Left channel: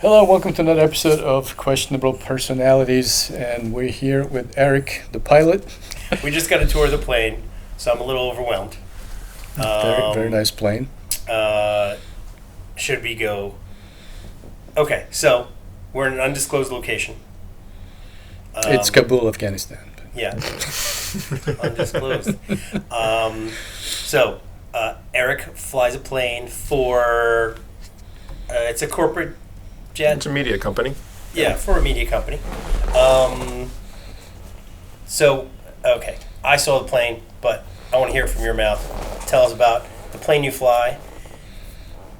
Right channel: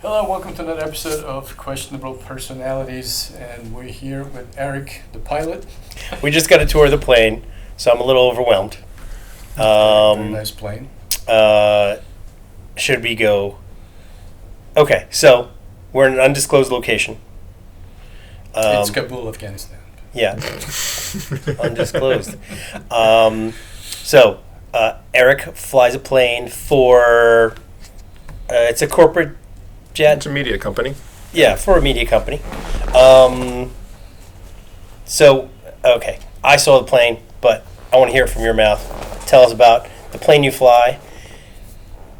Hello, welcome to another episode of Questionable Personalities, and we're here with Eric, the pilot. We just got a tour of the plane, so I'm a little overwhelmed. Very nice plane. Should we go? Okay, so we're in an undisclosed location. It's Kabul, Afghanistan. Yeah, undisclosed. Eric flies a plane for. It's a corporate jet. It's a media company. Yeah, for a media company. Okay, I saw the plane, but I want to hear it from your mouth. Tell us about the plane you fly,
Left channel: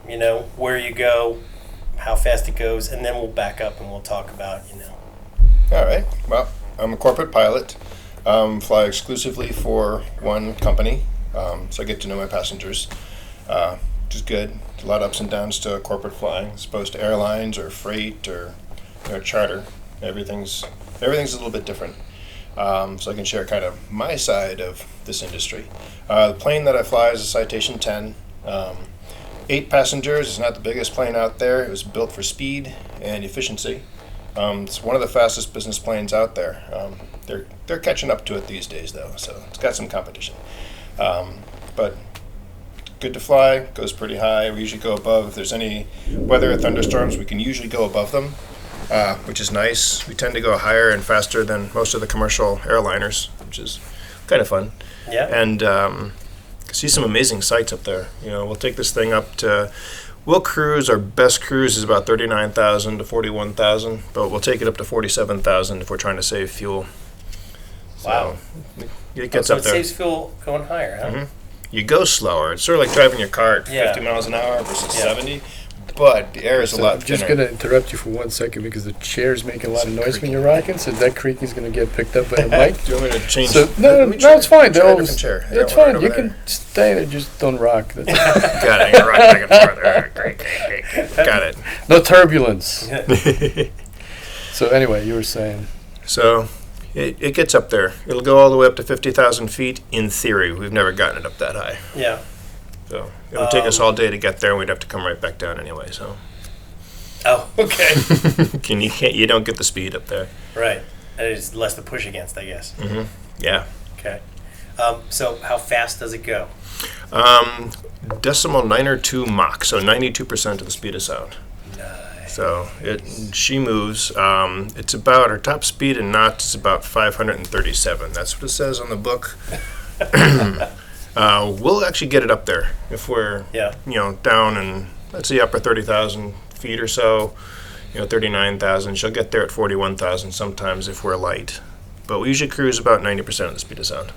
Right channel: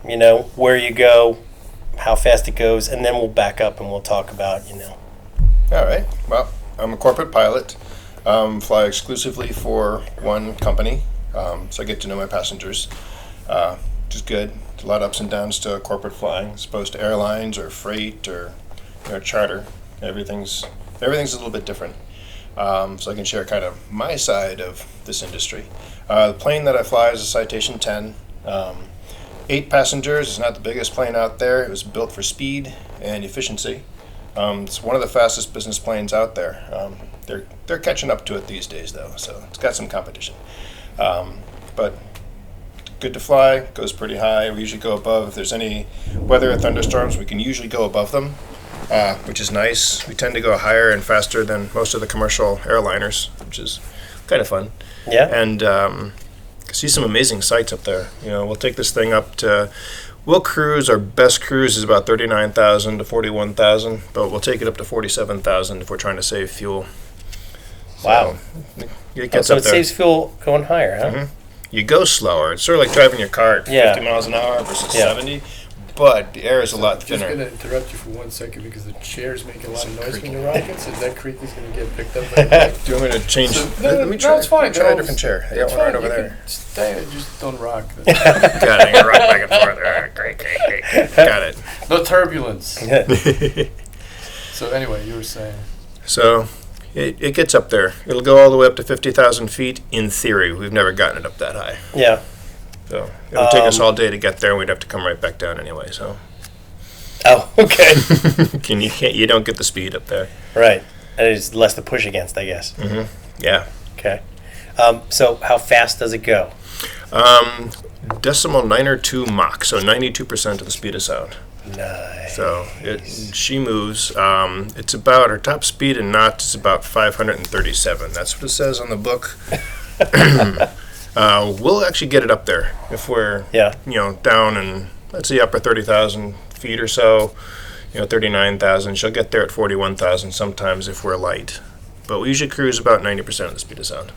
where you go, how fast it goes, and then we'll back up and we'll talk about. All right. Well, I'm a corporate pilot. Fly exclusively for one company, so I get to know my passengers, which is good. There's a lot of ups and downs to corporate flying, as opposed to airlines or freight or charter. Everything's a little bit different. So I can share kind of my side of this industry. The plane that I fly is a Citation 10. 8 passengers. It's not the biggest plane out there. It was built for speed and efficiency. It's one of the fastest business planes out there. They're catching up to it these days, though, so it's got some competition. But good to fly, goes pretty high. We usually go above. If there's any weather or thunderstorms, we can usually go above them, which is nice. We tend to go higher and faster than most of the commercial airliners, which is kind of fun. Yeah. And see some amazing sights up there. We'll take this thing up to. We'll cruise. Our best cruise is about 39,000 to 41,000, but we'll take it up to 47,000 if we're trying to save fuel. Wow. So it gets so up it there. saves fuel going higher, huh? Mm-hmm. You go slower. It's sort of like driving your car at 50 miles an hour versus 70, but the air is a lot I'm just thinner. going to interrupt you for 1 second because the chair's making a lot of It's noise when creaking. you're rocking, so that creaking is going to get picked up by the mic. Do you want me to change? So, Let me no, it's fine. Try a They'll- different chair. I It's got one fine. right You over can stay there, just don't rock. Got it. I can rock back and forth. All right, great. Got it. No turbulence. So anyway, you were saying. So it gets up there. It'll go all the way up to 50,000 feet in theory. We've never gotten it up that high. Yeah. So it would take us all day to get there, and we'd have to come right back down anyway. So Oh, okay. you don't get the speed up there. Right. And it's less to push against, I guess. Mm-hmm. Yeah. Okay. So how fast does it go? Decimal 902 Mach, so 92% of the speed of sound. Nice. So she moves. It's about her top speed in knots is about 537. That's what it says on the book. We'll actually get it up there if we're down in let's say upper 30,000 feet or so. 39,000. She'll get there at 41,000 sometimes if we're light. But we usually cruise about 90% of the speed of sound.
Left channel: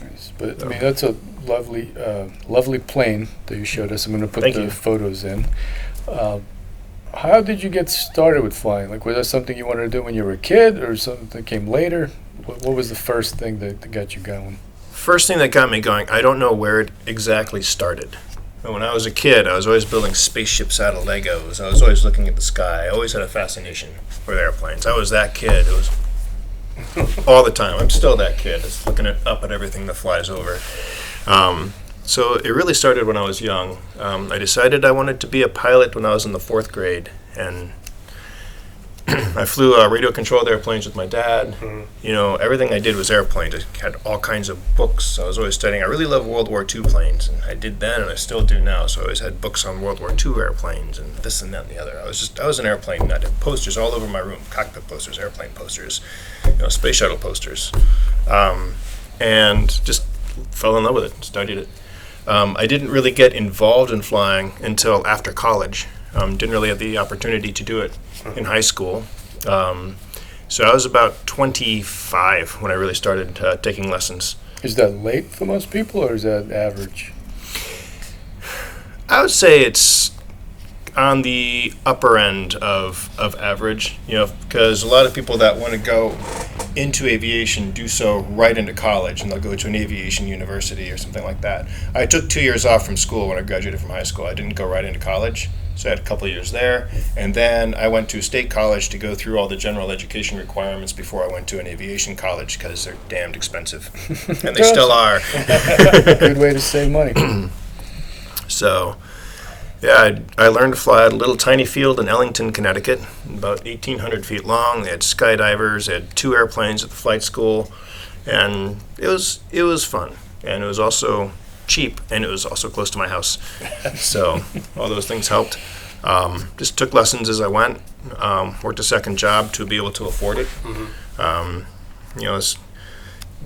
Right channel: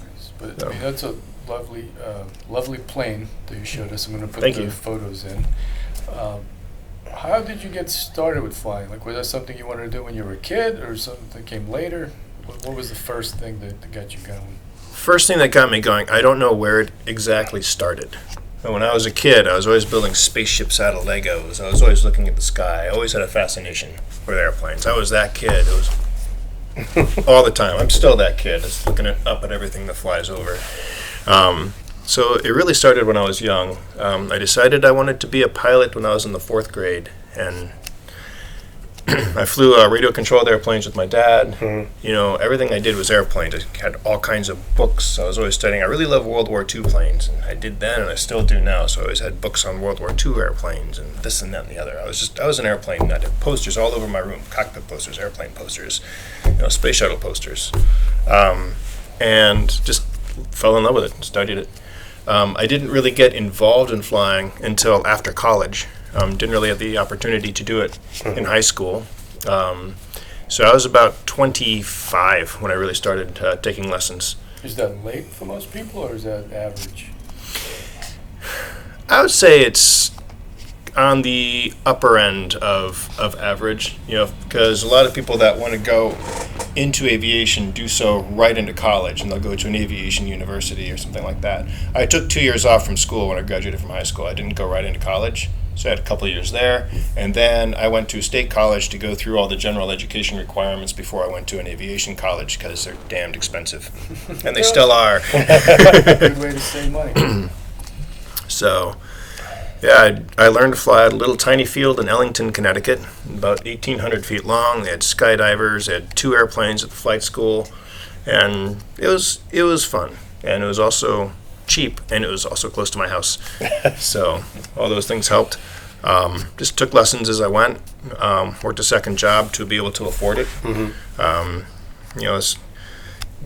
Nice. But I mean, that's a lovely plane that you showed us. I'm going to put Thank the you. photos in. How did you get started with flying? Like, was that something you wanted to do when you were a kid, or something that came later? What was the first thing that got you going? First thing that got me going, I don't know where it exactly started. But when I was a kid, I was always building spaceships out of Legos. I was always looking at the sky. I always had a fascination with airplanes. I was that kid. It was all the time. I'm still that kid. Just looking up at everything that flies over. So it really started when I was young. I decided I wanted to be a pilot when I was in the 4th grade, and I flew radio controlled airplanes with my dad. Mm-hmm. Everything I did was airplanes. I had all kinds of books. I was always studying. I really love World War II planes, and I did then, and I still do now. So I always had books on World War II airplanes and this and that and the other. I was an airplane nut. I had posters all over my room: cockpit posters, airplane posters, space shuttle posters, and just fell in love with it. Studied it. I didn't really get involved in flying until after college. Didn't really have the opportunity to do it in high school. So I was about 25 when I really started taking lessons. Is that late for most people, or is that average? I would say it's on the upper end of average, because a lot of people that want to go into aviation do so right into college, and they'll go to an aviation university or something like that. I took 2 years off from school when I graduated from high school. I didn't go right into college. So I had a couple of years there, and then I went to state college to go through all the general education requirements before I went to an aviation college because they're damned expensive, and they still are. Good way to save money. So Yeah, I learned to fly at a little tiny field in Ellington, Connecticut, about 1,800 feet long. They had skydivers, they had 2 airplanes at the flight school, and it was fun. And it was also cheap, and it was also close to my house. So all those things helped. Just took lessons as I went. Worked a second job to be able to afford it. This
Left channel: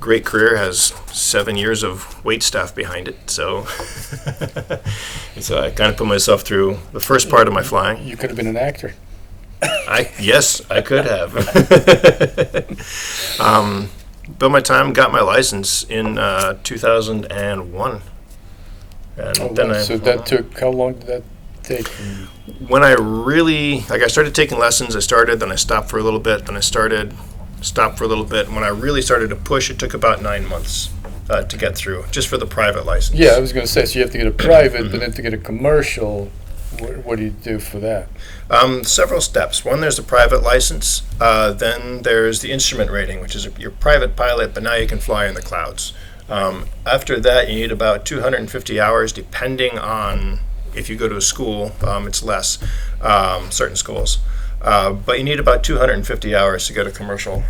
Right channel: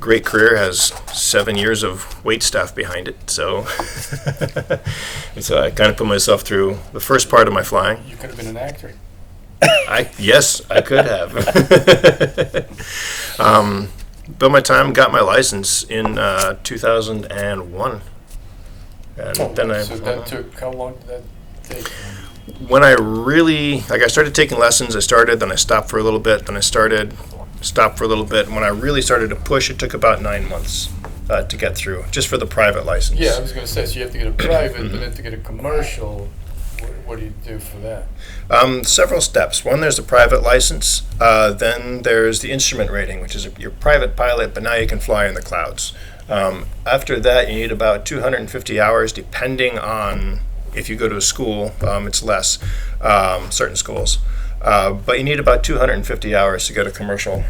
great career has 7 years of wait staff behind it. So, so I kind of put myself through the first part of my flying. You could have been an actor. Yes, I could have. Built my time, got my license in 2001. And then So that took, how long did that take? when I really, I started taking lessons, then I stopped for a little bit, then I stopped for a little bit. And when I really started to push, it took about 9 months to get through, just for the private license. Yeah, I was going to say, so you have to get a private, but then to get a commercial, what do you do for that? Several steps. One, there's the private license. Then there's the instrument rating, which is your private pilot, but now you can fly in the clouds. After that, you need about 250 hours, depending on if you go to a school. It's less, certain schools. But you need about 250 hours to get a commercial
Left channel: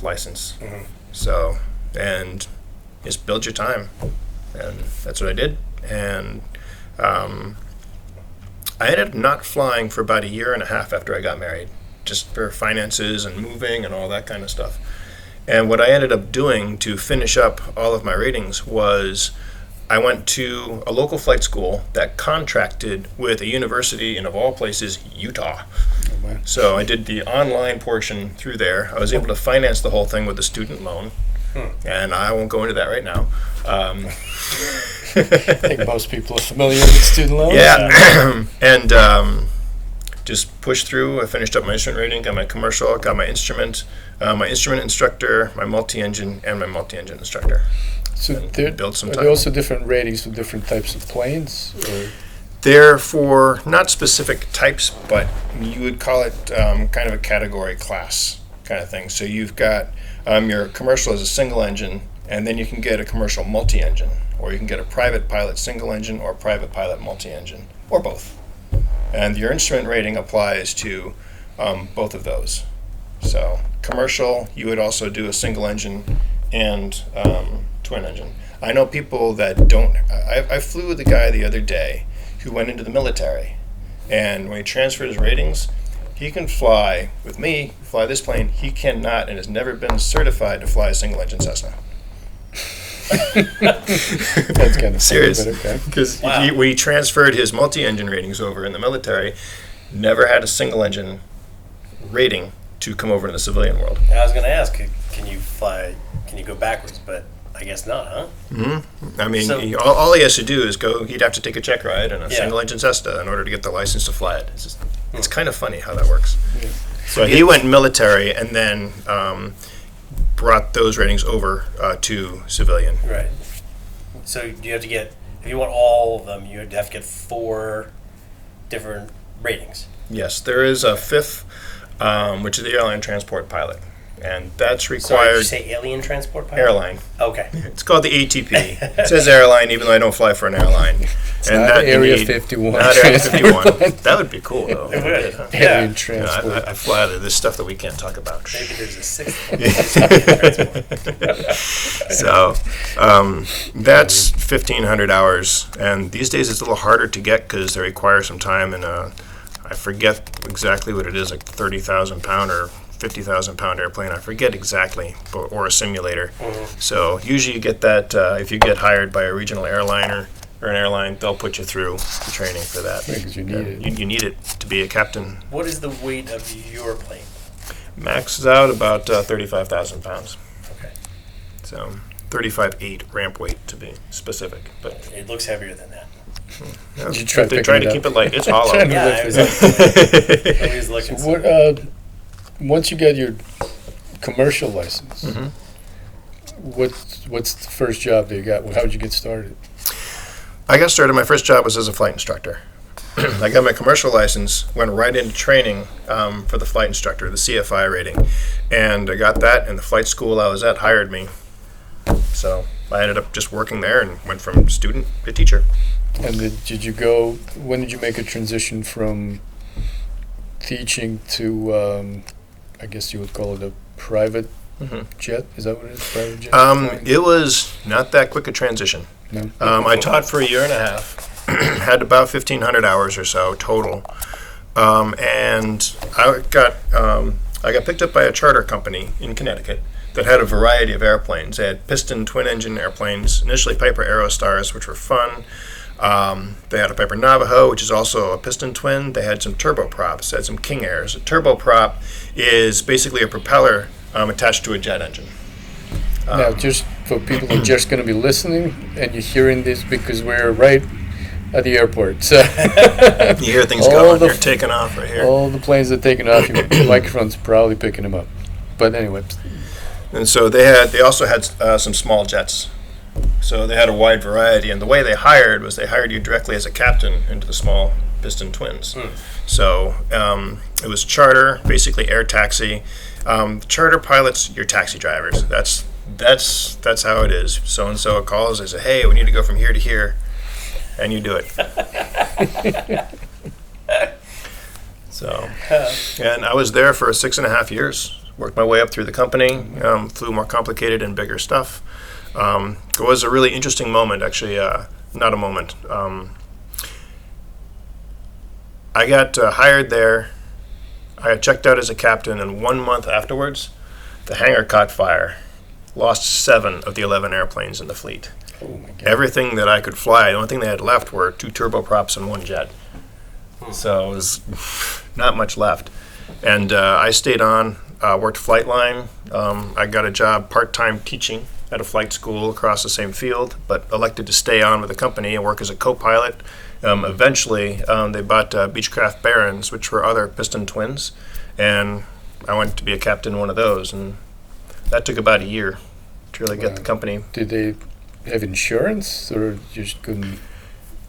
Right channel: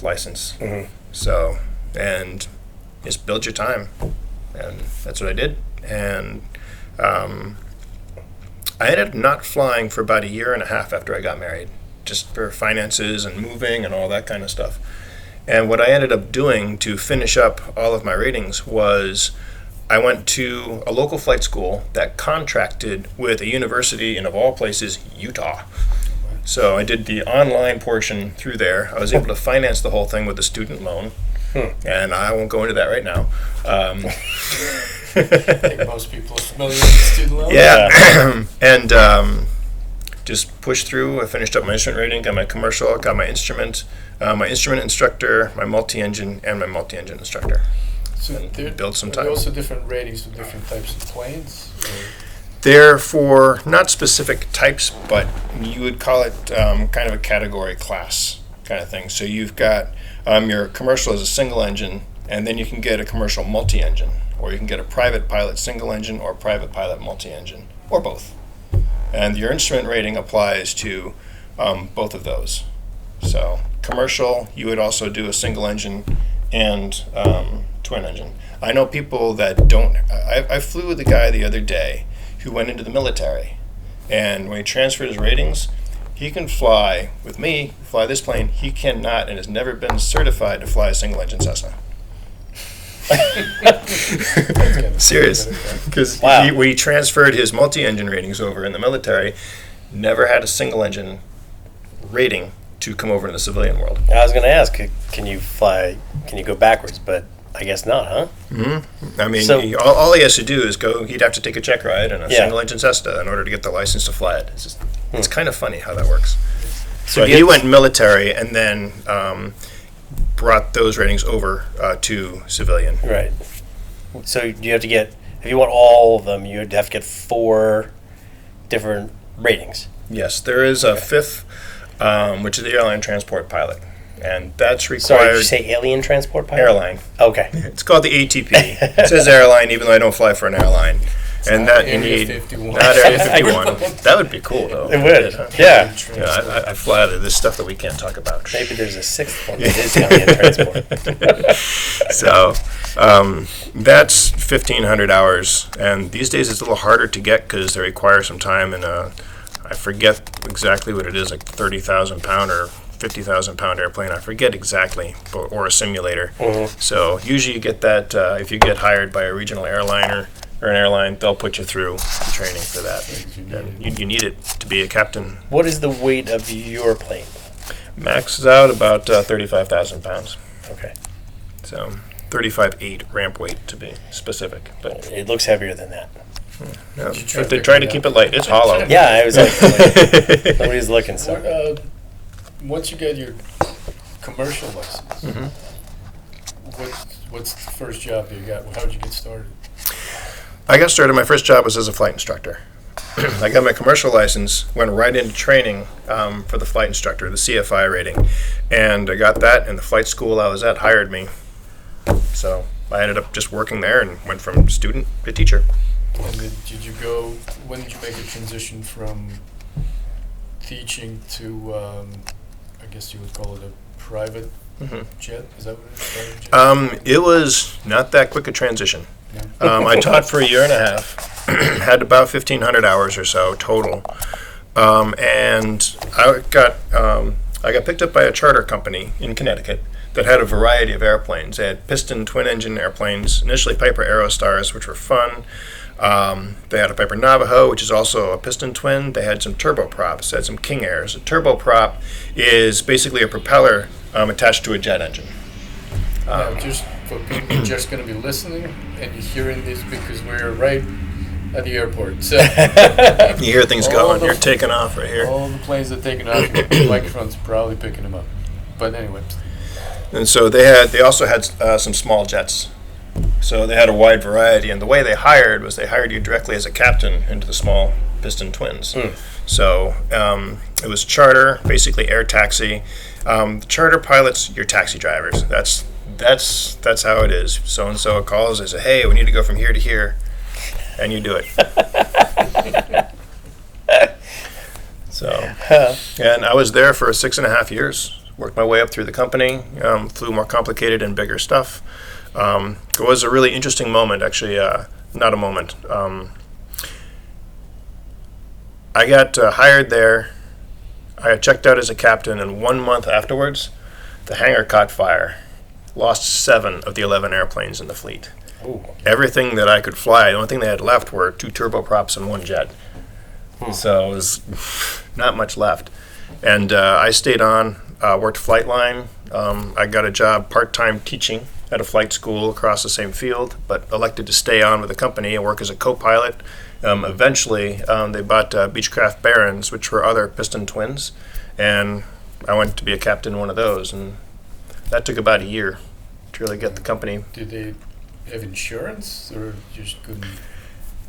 license. So, and just build your time. And that's what I did. And I ended up not flying for about 1.5 years after I got married, just for finances and moving and all that kind of stuff. And what I ended up doing to finish up all of my ratings was I went to a local flight school that contracted with a university in, of all places, Utah. So I did the online portion through there. I was able to finance the whole thing with a student loan. And I won't go into that right now. I think most people are familiar with student loans. Yeah. And just pushed through. I finished up my instrument rating, got my commercial, got my instrument instructor, my multi-engine, and my multi-engine instructor. So And build some are time. there also different ratings for different types of planes? Or? They're for not specific types, but you would call it kind of a category class kind of thing. So you've got your commercial as a single engine, and then you can get a commercial multi-engine, or you can get a private pilot single engine or private pilot multi-engine, or both. And your instrument rating applies to both of those. So commercial, you would also do a single engine and twin engine. I know people that don't. I flew with a guy the other day who went into the military, and when he transferred his ratings, he can fly with me, fly this plane. He cannot and has never been certified to fly a single engine Cessna. That's kind of Serious. okay. Because Wow. when he transferred his multi-engine ratings over in the military, never had a single engine rating to come over in the civilian world. I was going to ask, can you fly? Can you go backwards? But I guess not, huh? I mean, So- all he has to do is go. He'd have to take a check ride in a Yeah. single engine Cessna in order to get the license to fly it. It's kind of funny how that works. So So you- he went military and then brought those ratings over to civilian. Right. So you have to get, if you want all of them, you'd have to get 4 different ratings. Yes, there is a fifth, which is the airline transport pilot, and that's Sorry, did required. you say alien transport pilot? Airline. Okay. It's called the ATP. It says airline, even though I don't fly for an airline. not that you Area need- 51. Not Area 51. That would be cool, though. It would. Huh? Yeah. Alien transport. I fly out of this stuff that we can't talk about. Maybe there's a 6th one. that is alien transport. So that's 1,500 hours, and these days it's a little harder to get because they require some time. And I forget exactly what it is, like 30,000 pound or 50,000 pound airplane. I forget exactly, or a simulator. So usually you get that if you get hired by a regional airliner or an airline, they'll put you through the training for that. Because you need And it. you need it to be a captain. What is the weight of your plane? Maxes out about 35,000 pounds. Okay. So 35.8 ramp weight to be specific. But It looks heavier than that. yeah, Did you try they picking try to it keep up? it light. It's hollow. Yeah, I was always looking. So. What, once you get your commercial license, what's the first job that you got? How did you get started? I got started. My first job was as a flight instructor. I got my commercial license, went right into training for the flight instructor, the CFI rating, and I got that. And the flight school I was at hired me, so I ended up just working there and went from student to teacher. And did you go? When did you make a transition from teaching to? I guess you would call it a private jet. Is that what it is? Private jet. It was not that quick a transition. No. I taught for a year and a half, had about 1,500 hours or so total, and I got picked up by a charter company in Connecticut that had a variety of airplanes. They had piston twin-engine airplanes, initially Piper Aerostars, which were fun. They had a Piper Navajo, which is also a piston twin. They had some turboprops. They had some King Airs. A turboprop is basically a propeller attached to a jet engine. Now, just for people who are just going to be listening, and you're hearing this because we're right at the airport. So You hear things going, you're taking off right here. all the planes are taking off. Your microphone's probably picking them up. But anyway, And so they also had some small jets. So they had a wide variety. And the way they hired you directly as a captain into the small piston twins. So it was charter, basically air taxi. Charter pilots, your taxi drivers. That's how it is. So and so calls. They say, "Hey, we need to go from here to here," and you do it. So, and I was there for 6.5 years. Worked my way up through the company. Flew more complicated and bigger stuff. It was a really interesting moment, actually. Not a moment. I got hired there. I got checked out as a captain, and 1 month afterwards, the hangar caught fire. Lost 7 of the 11 airplanes in the fleet. Ooh. Everything that I could fly, the only thing they had left were 2 turboprops and 1 jet. So it was not much left. And I stayed on, worked flight line. I got a job part-time teaching at a flight school across the same field, but elected to stay on with the company and work as a co-pilot. Eventually, they bought Beechcraft Barons, which were other piston twins, and I went to be a captain in one of those, and that took about a year to really get the company. Did they have insurance, or you just couldn't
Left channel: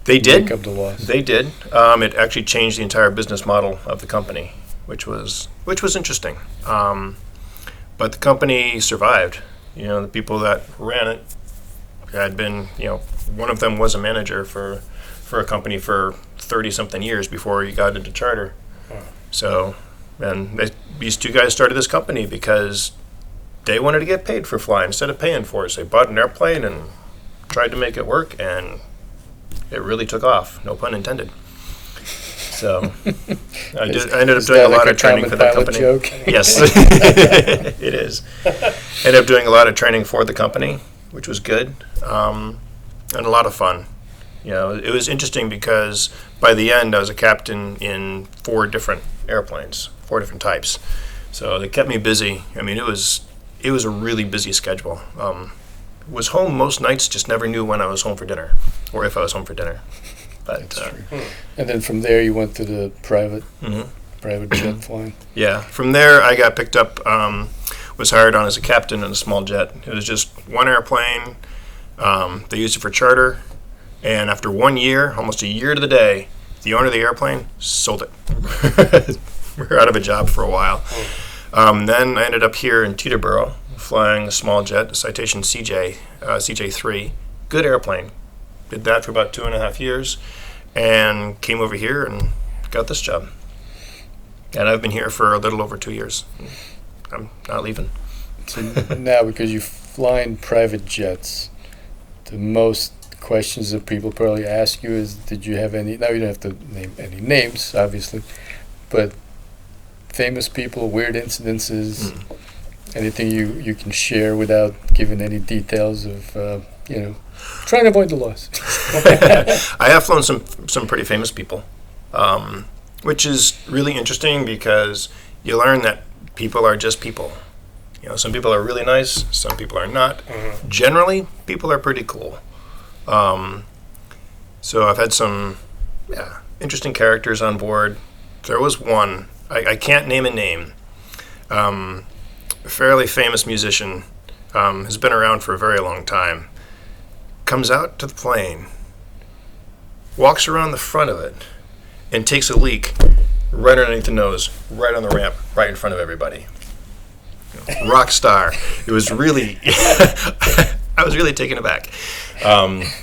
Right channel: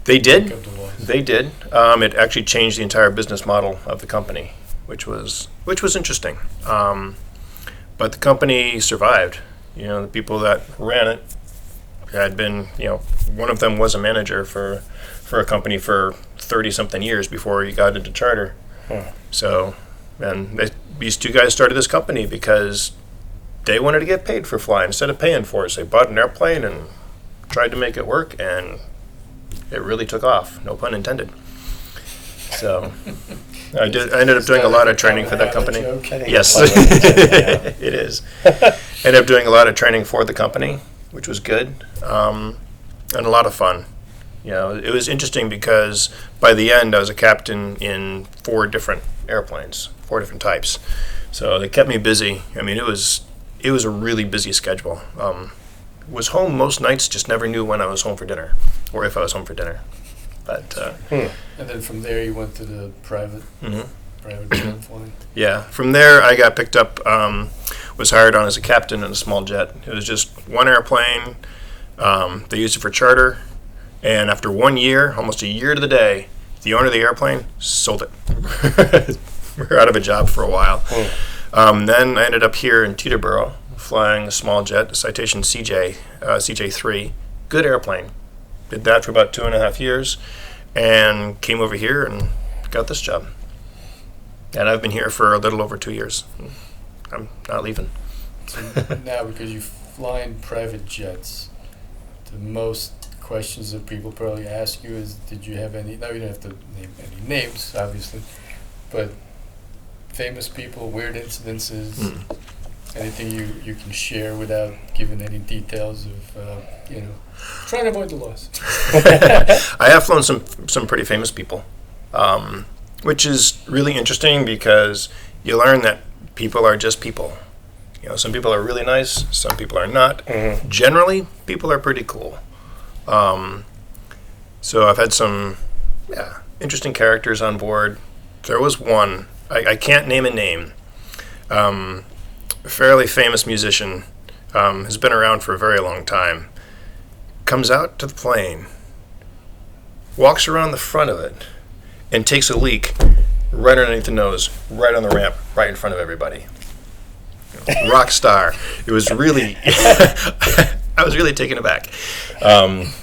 They did. make up the loss? They did. It actually changed the entire business model of the company, which was interesting. But the company survived. The people that ran it had been, one of them was a manager for a company for 30-something years before he got into charter. So, and these 2 guys started this company because they wanted to get paid for flying instead of paying for it. So they bought an airplane and tried to make it work, and it really took off. No pun intended. So I ended up doing a lot of training for that company. Joke? Yes, it is. Ended up doing a lot of training for the company, which was good, and a lot of fun. It was interesting because by the end I was a captain in 4 different airplanes, 4 different types. So they kept me busy. I mean, it was a really busy schedule. Was home most nights, just never knew when I was home for dinner or if I was home for dinner. But And then from there you went to the private jet flying. yeah, from there I got picked up, was hired on as a captain in a small jet. It was just 1 airplane. They used it for charter. And after 1 year, almost a year to the day, the owner of the airplane sold it. We were out of a job for a while. Then I ended up here in Teterboro, flying a small jet, a Citation CJ3. Good airplane. Did that for about 2.5 years, and came over here and got this job. And I've been here for a little over 2 years. I'm not leaving. So now, because you fly in private jets, the most questions that people probably ask you is, did you have any, now you don't have to name any names, obviously, but famous people, weird incidences, anything you can share without giving any details of, trying to avoid the loss. I have flown some pretty famous people, which is really interesting because you learn that people are just people. Some people are really nice, some people are not. Generally, people are pretty cool. So I've had some interesting characters on board. There was one, I can't name a name, a fairly famous musician, has been around for a very long time, comes out to the plane, walks around the front of it, and takes a leak right underneath the nose, right on the ramp, right in front of everybody. Rock star. It was really, I was really taken aback.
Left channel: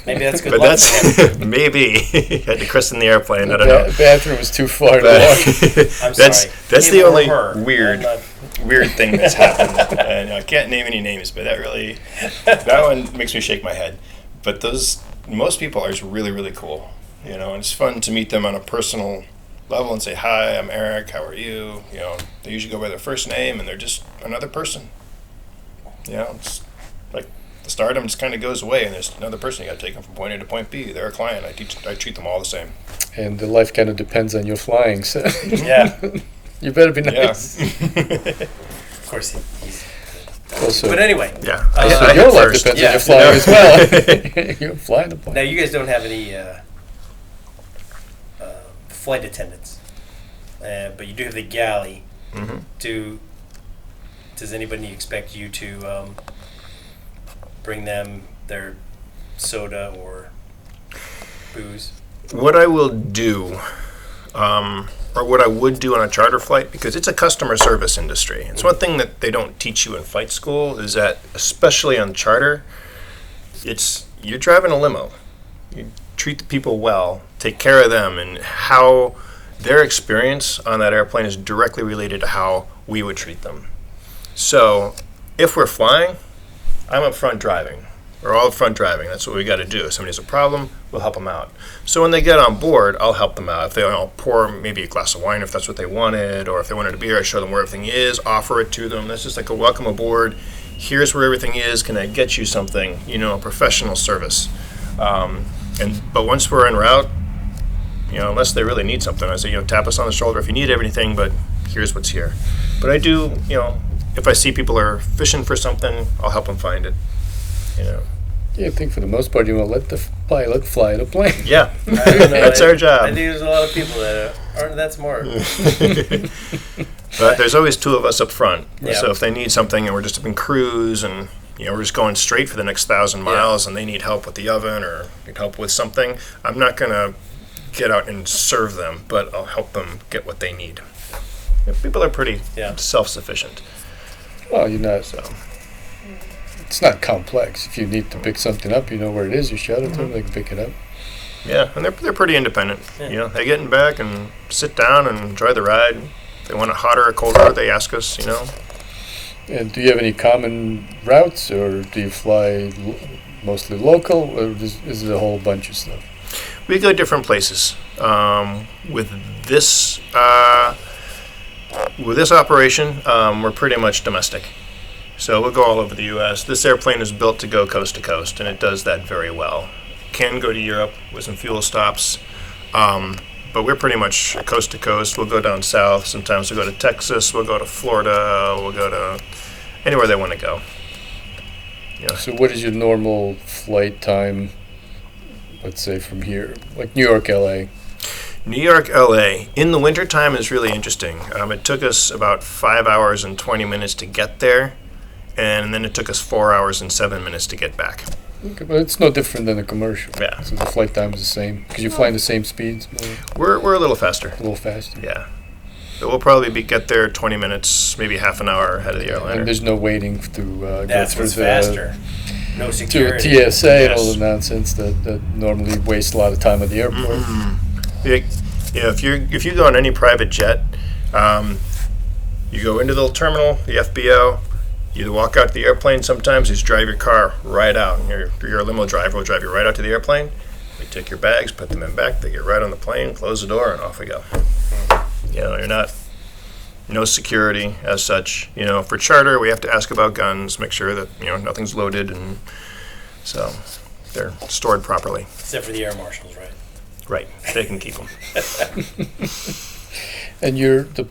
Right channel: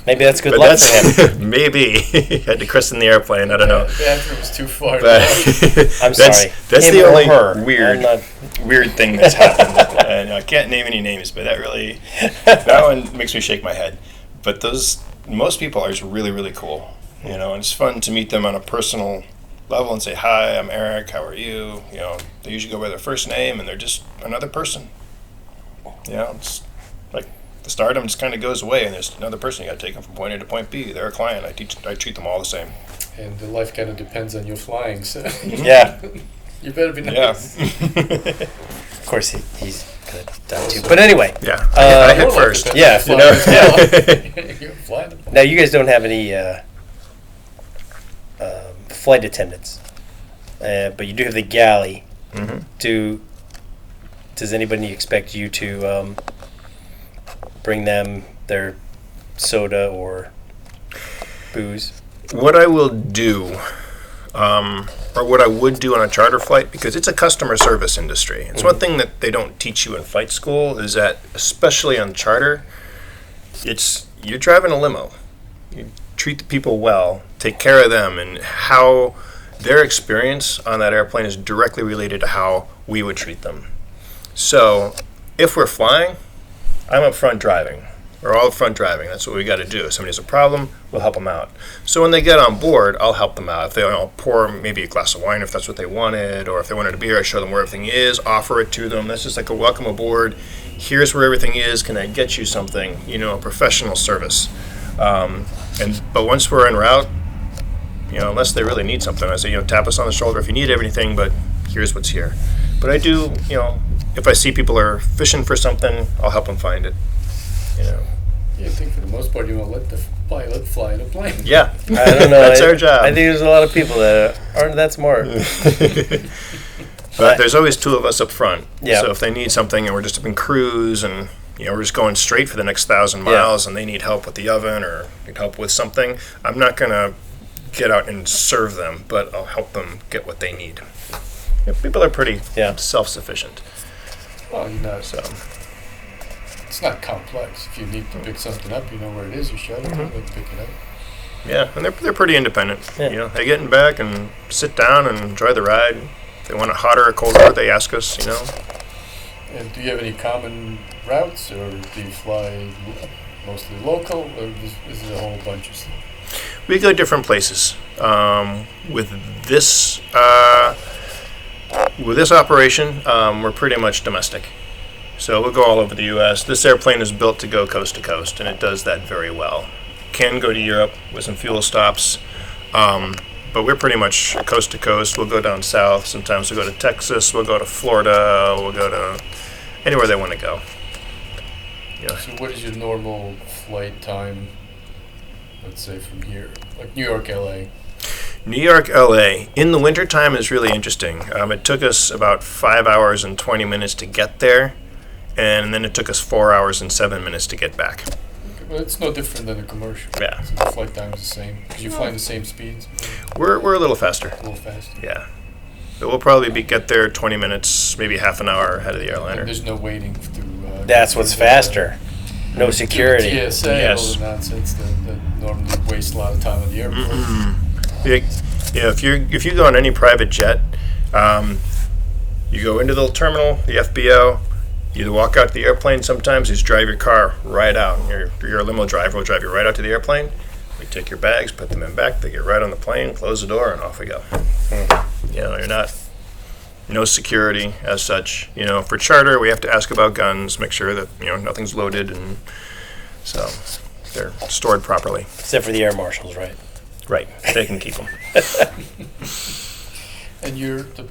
Maybe that's good But luck for him. that's maybe had to christen the airplane. I don't know. The bathroom is too far to But walk. I'm that's sorry. that's Him the or only her. weird I'm not- weird thing that's happened. And I can't name any names, but that one makes me shake my head. But most people are just really, really cool, and it's fun to meet them on a personal level and say, hi, I'm Eric, how are you? They usually go by their first name and they're just another person. It's like the stardom just kind of goes away and there's another person. You got to take them from point A to point B. They're a client. I treat them all the same. And the life kind of depends on your flying, so Yeah. you better be nice. Of course, he's good. Also- But anyway, Yeah, Uh, I Your hit life first. depends Yeah, on your flying as well. You're flying the plane. now you guys don't have any flight attendants, but you do have the galley. Mhm. Does anybody expect you to bring them their soda or booze? What I will do, or what I would do on a charter flight, because it's a customer service industry. It's one thing that they don't teach you in flight school is that, especially on charter, you're driving a limo. You treat the people well, take care of them, and how their experience on that airplane is directly related to how we would treat them. So, if we're flying, I'm up front driving. We're all up front driving. That's what we got to do. If somebody has a problem, we'll help them out. So when they get on board, I'll help them out. If they want to pour maybe a glass of wine, if that's what they wanted, or if they wanted a beer, I show them where everything is, offer it to them. That's just like a welcome aboard. Here's where everything is. Can I get you something? A professional service. But once we're en route, unless they really need something, I say, tap us on the shoulder if you need everything, but here's what's here. But I do, if I see people are fishing for something, I'll help them find it. Yeah, I think for the most part, you want to let the pilot fly the plane. Yeah, I don't know. that's our job. I think there's a lot of people that aren't that smart. But there's always two of us up front. Yeah. So if they need something and we're just up in cruise and we're just going straight for the next 1,000 miles and they need help with the oven or need help with something, I'm not going to get out and serve them, but I'll help them get what they need. People are pretty self-sufficient. Well, you're not. So It's not complex. If you need to pick something up, you know where it is. You shout it to them, they can pick it up. yeah, and they're pretty independent. Yeah. They get in back and sit down and enjoy the ride. If they want it hotter or colder, they ask us. And do you have any common routes, or do you fly mostly local, or is it a whole bunch of stuff? We go different places. With this operation, we're pretty much domestic. So we'll go all over the U.S. This airplane is built to go coast to coast, and it does that very well. Can go to Europe with some fuel stops, but we're pretty much coast to coast. We'll go down south. Sometimes we'll go to Texas. We'll go to Florida. We'll go to anywhere they want to go. So what is your normal flight time, let's say, from here? Like New York, L.A.? New York, LA, in the wintertime is really interesting. It took us about 5 hours and 20 minutes to get there, and then it took us 4 hours and 7 minutes to get back. Okay, but it's no different than a commercial. Yeah. So the flight time is the same, because you're flying the same speeds, We're a little faster. a little faster. Yeah. But we'll probably get there 20 minutes, maybe half an hour ahead of the airliner. And there's no waiting to. That's go what's through faster. No To security. TSA and all Yes. the nonsense that normally wastes a lot of time at the airport. If you go on any private jet, you go into the terminal, the FBO, you walk out to the airplane sometimes, you just drive your car right out. Your limo driver will drive you right out to the airplane. You take your bags, put them in back, they get right on the plane, close the door, and off we go. You're not, no security as such. For charter, we have to ask about guns, make sure that, nothing's loaded, and so they're stored properly. Except for the air marshals, right? Right, they can keep them. And the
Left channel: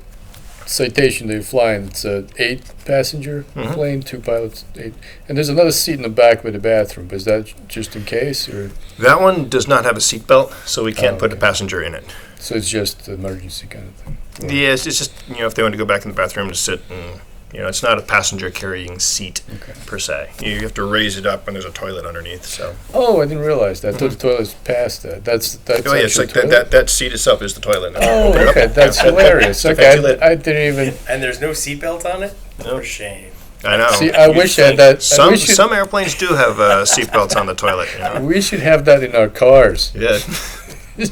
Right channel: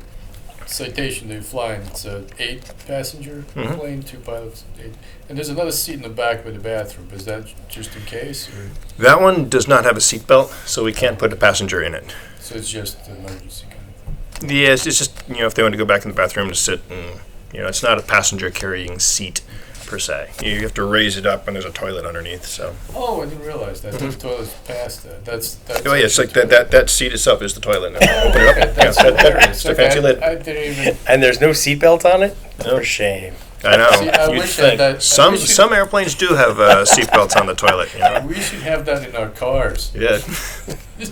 Citation they're flying, it's a 8-passenger Mhm. plane, 2 pilots, 8. And there's another seat in the back by the bathroom. Is that just in case, or That one does not have a seatbelt, so we can't put a passenger in it. so it's just an emergency kind of thing? Yes, it's just, if they want to go back in the bathroom to sit and, it's not a passenger carrying seat per se. You have to raise it up and there's a toilet underneath, so. Oh, I didn't realize that. The toilet's past that. That's Oh, yeah, it's actually like a toilet? that seat itself is the toilet. Oh, Open it up. okay, that's Yeah. hilarious. It's a Okay, fancy lid. I didn't even. And there's no seatbelt on it? No. For shame. I know. See, I You'd wish I had think. that. Some airplanes do have seatbelts on the toilet. You know? We should have that in our cars. Yeah.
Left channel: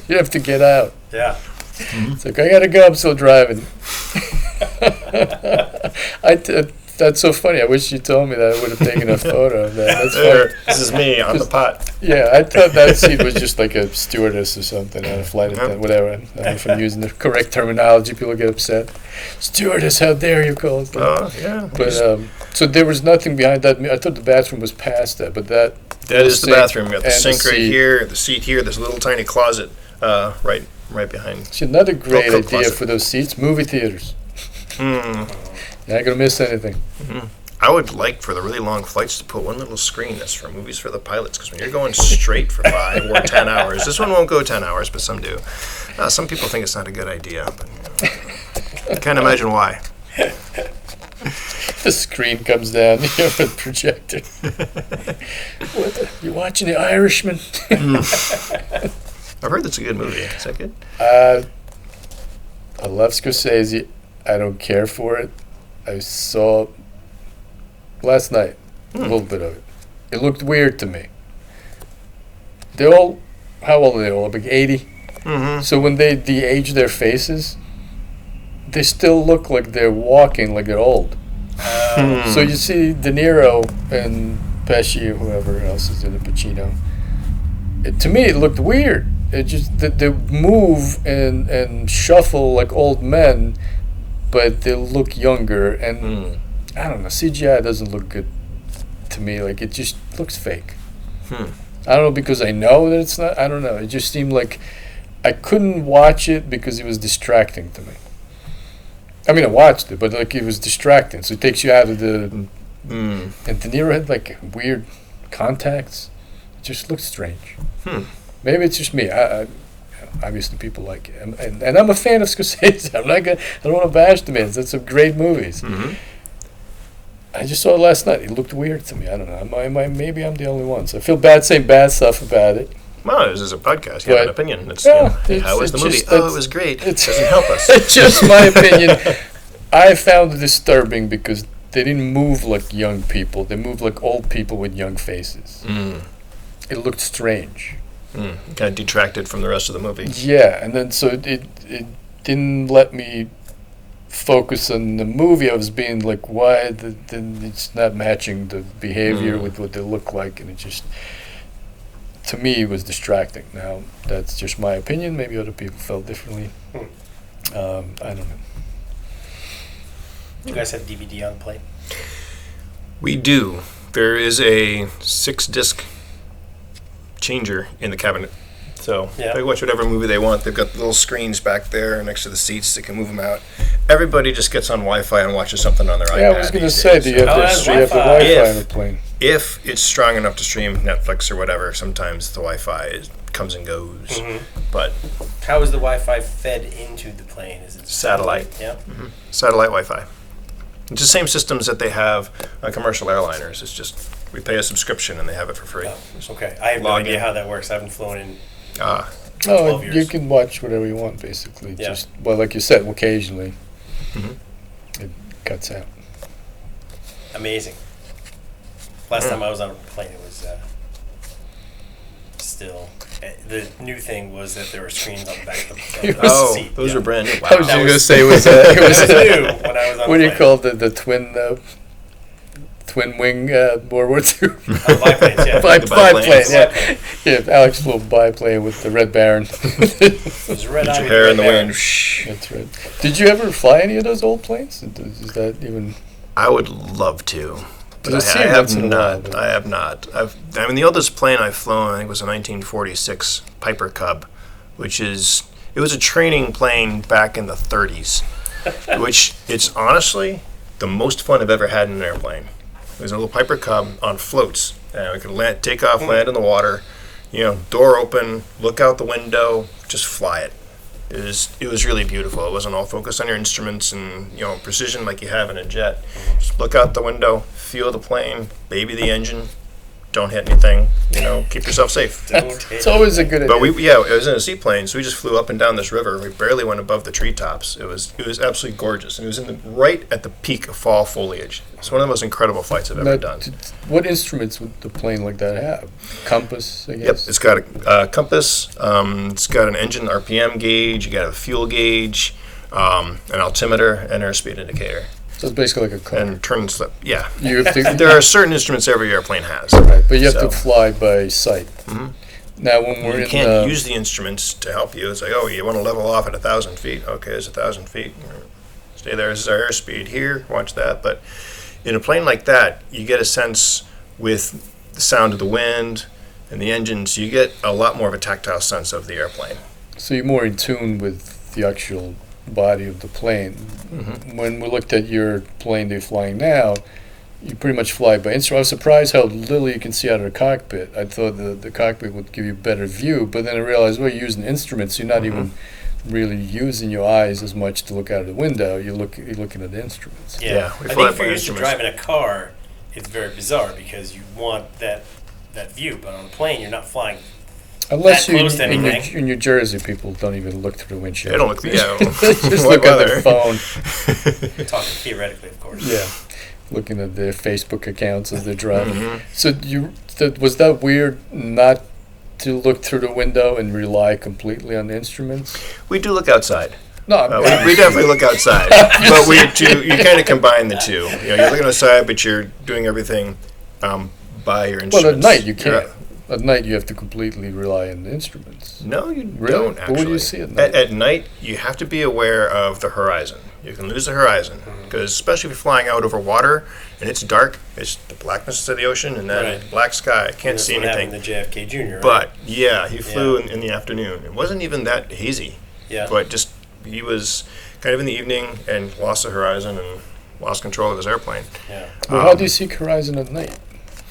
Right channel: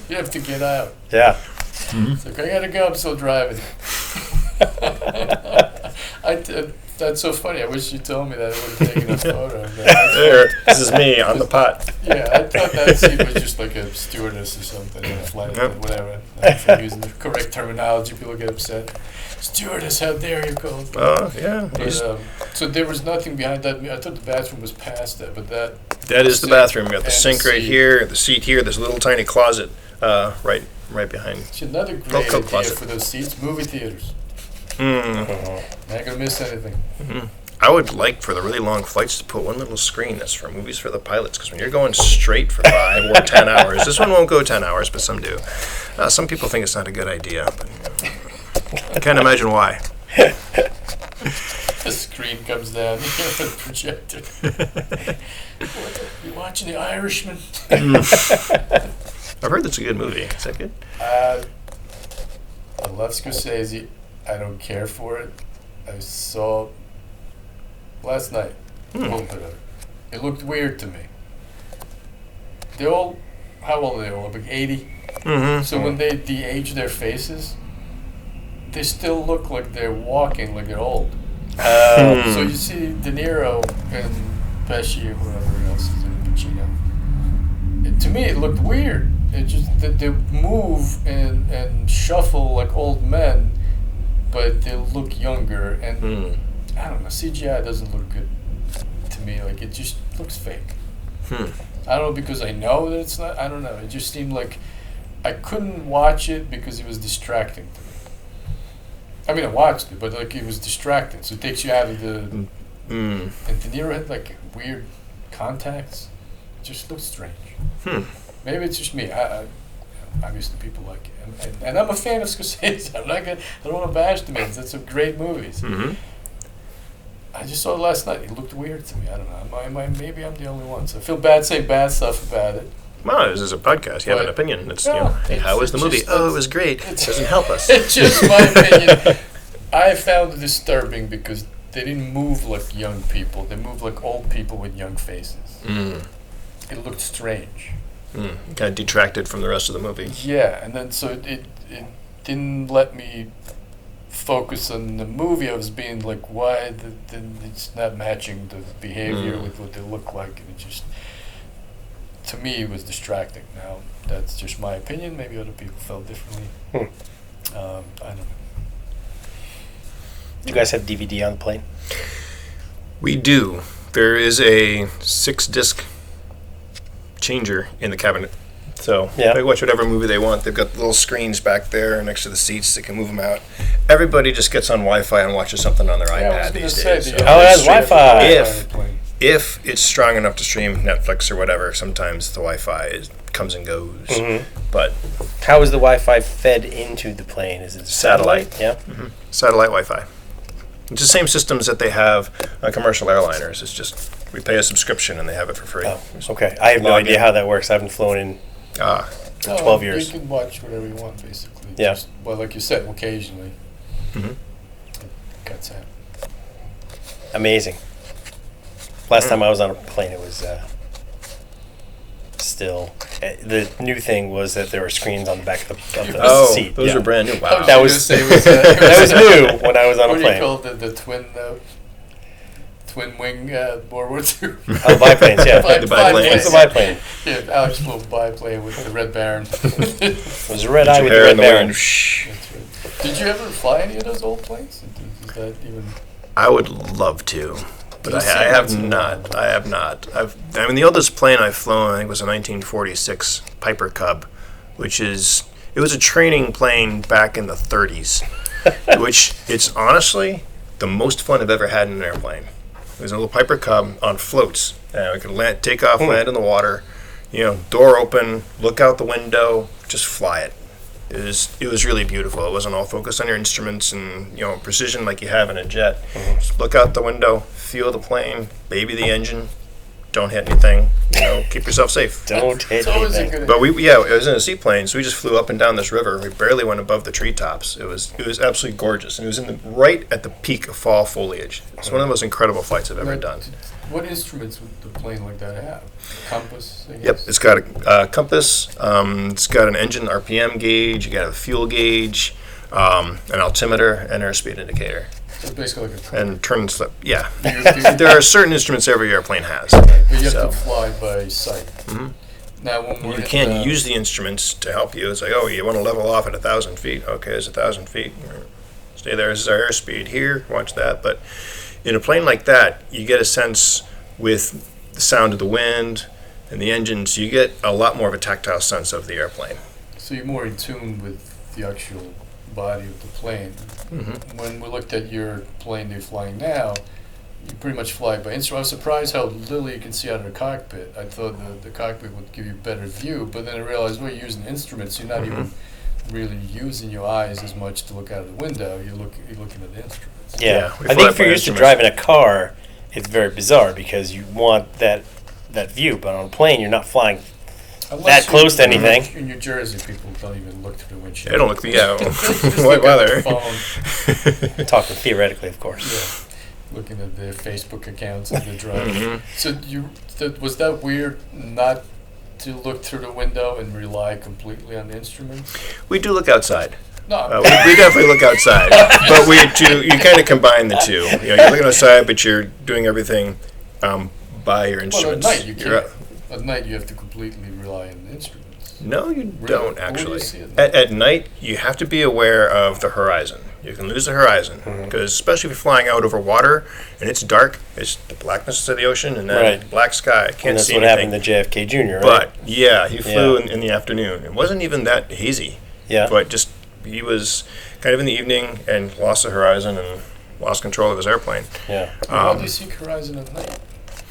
You have to get out. Yeah. It's like, I gotta go, I'm still driving. That's so funny. I wish you told me that. I would have taken a photo of that. That's There, funny. this is me on the pot. Yeah, I thought that seat was just like a stewardess or something, or a flight attendant, whatever. I don't know if I'm using the correct terminology, people get upset. Stewardess, how dare you call it? Oh, yeah. But, so there was nothing behind that. I thought the bathroom was past that, but that That is the sink bathroom. You got the and sink right seat. here, the seat here. There's a little tiny closet right behind. It's another great Velcro idea closet. for those seats. Movie theaters. Mm. Not gonna miss anything. I would like for the really long flights to put one little screen that's for movies for the pilots, because when you're going straight for 5 or 10 hours, this one won't go 10 hours, but some do. Some people think it's not a good idea, but I can't imagine why. The screen comes down here with the projector. You watching The Irishman? I've heard that's a good movie. Is that good? I love Scorsese. I don't care for it. I saw last night a little bit of it. It looked weird to me. They're all, how old are they all? Like 80? Mm-hmm. So when they de-age their faces, they still look like they're walking like they're old. So you see De Niro and Pesci or whoever else is in it, Pacino. To me, it looked weird. It just they move and shuffle like old men, but they look younger. And I don't know, CGI doesn't look good to me. Like, it just looks fake. I don't know, because I know that it's not. I don't know. It just seemed like I couldn't watch it because it was distracting to me. I mean, I watched it, but like, it was distracting. So it takes you out of the. And De Niro had like weird contacts. It just looked strange. Maybe it's just me. I obviously people like it, and I'm a fan of Scorsese. I'm not gonna. I don't want to bash the man. That's some great movies. I just saw it last night. It looked weird to me. I don't know. Maybe I'm the only one. So I feel bad saying bad stuff about it. Well, this is a podcast. You have an opinion. It's, hey, how was the movie? just- Oh, it was great. It it's- doesn't help us. It's just my opinion. I found it disturbing because they didn't move like young people. They moved like old people with young faces. It looked strange. Kind of detracted from the rest of the movie. Yeah, and then so it didn't let me focus on the movie. I was being like, why it's not matching the behavior with what they look like, and it just, to me, it was distracting. Now, that's just my opinion. Maybe other people felt differently. I don't know. Do you guys have DVD on the plane? We do. There is a 6-disc changer in the cabinet. So Yeah. they watch whatever movie they want. They've got little screens back there next to the seats. They can move them out. Everybody just gets on Wi-Fi and watches something on their iPad. Yeah, I was going to these say, days, do you so- have Oh, it has do you have Wi-Fi. If- on the plane? If it's strong enough to stream Netflix or whatever, sometimes the Wi-Fi comes and goes. But How is the Wi-Fi fed into the plane? Is it Satellite. Yeah. satellite Wi-Fi. It's the same systems that they have on commercial airliners. It's just we pay a subscription and they have it for free. Oh, okay. I have no Log idea in. how that works. I haven't flown in. Ah, 12 years. You can watch whatever you want, basically. Yeah. Just, well, like you said, occasionally it cuts out. Amazing. Last time I was on a plane, it was still. The new thing was that there were screens on the back of the oh, seat. those yeah. are brand new. I Wow. was That just was- gonna say was That was new when I was on what a do you plane. call the twin wing World War II? Oh, biplanes, yeah. The biplane. It's a biplane. Yeah, Alex flew a biplane with the Red Baron. It was a red eye Your with hair the in red the baron. wind. Shh. That's right. Did you ever fly any of those old planes? Is that even? I would love to, but You'll I see have once in a while, not. but- I have not. I mean, the oldest plane I've flown, I think, was a 1946 Piper Cub, which is it was a training plane back in the 30s, which it's honestly the most fun I've ever had in an airplane. It was a little Piper Cub on floats. We could land, take off, land in the water, door open, look out the window, just fly it. It was really beautiful. It wasn't all focused on your instruments and precision like you have in a jet. Just look out the window, feel the plane, baby the engine, don't hit anything. Keep yourself safe. Don't hit It's always a anything. good But idea. it was in a seaplane, so we just flew up and down this river. We barely went above the treetops. It was absolutely gorgeous, and it was right at the peak of fall foliage. It's one of the most incredible flights I've ever done. What instruments would the plane like that have? Compass, I Yep, guess? it's got a compass. It's got an engine RPM gauge. You got a fuel gauge, an altimeter, and airspeed indicator, So it's basically like a car. and turn slip. Yeah, You have to, there are certain instruments every airplane has. right, but you have So- to fly by sight. Mhm. Now, when we're You in can't the, use the instruments to help you. It's like, oh, you want to level off at 1,000 feet? Okay, it's 1,000 feet. Stay there. This is our airspeed here. Watch that. But in a plane like that, you get a sense with the sound of the wind and the engines. You get a lot more of a tactile sense of the airplane. so you're more in tune with the actual body of the plane. Mm-hmm. When we looked at your plane you're flying now, you pretty much fly by instrument. I was surprised how little you can see out of the cockpit. I thought the cockpit would give you a better view, but then I realized, well, you're using instruments. You're not even really using your eyes as much to look out of the window. You're looking at the instruments. Yeah, Yeah, we I fly think if by you're used to instruments. driving a car, it's very bizarre because you want that view, but on a plane, you're not flying. Unless That close to in New- anything. In New Jersey, people don't even look through the windshield. They don't look. Yeah, They just what look at their weather? phone. Talking theoretically, of course. Yeah, looking at their Facebook accounts as they're driving. Mhm. So was that weird not to look through the window and rely completely on the instruments? We do look outside. No, We definitely look outside, but you kind of combine the two. You're looking outside, but you're doing everything by your well, instruments. at night you You're can't. At night you have to completely rely on the instruments. No, you Really? don't But what do actually. you see at night? At night, you have to be aware of the horizon. You can lose the horizon because, especially if you're flying out over water and it's dark, it's the blackness of the ocean and then Right. black sky. And Can't that's see what anything. happened to JFK Jr., right? But yeah, he flew Yeah. in the afternoon. It wasn't even that hazy, yeah. but just he was kind of in the evening and lost the horizon and lost control of his airplane. Yeah. Well, how do you see horizon at night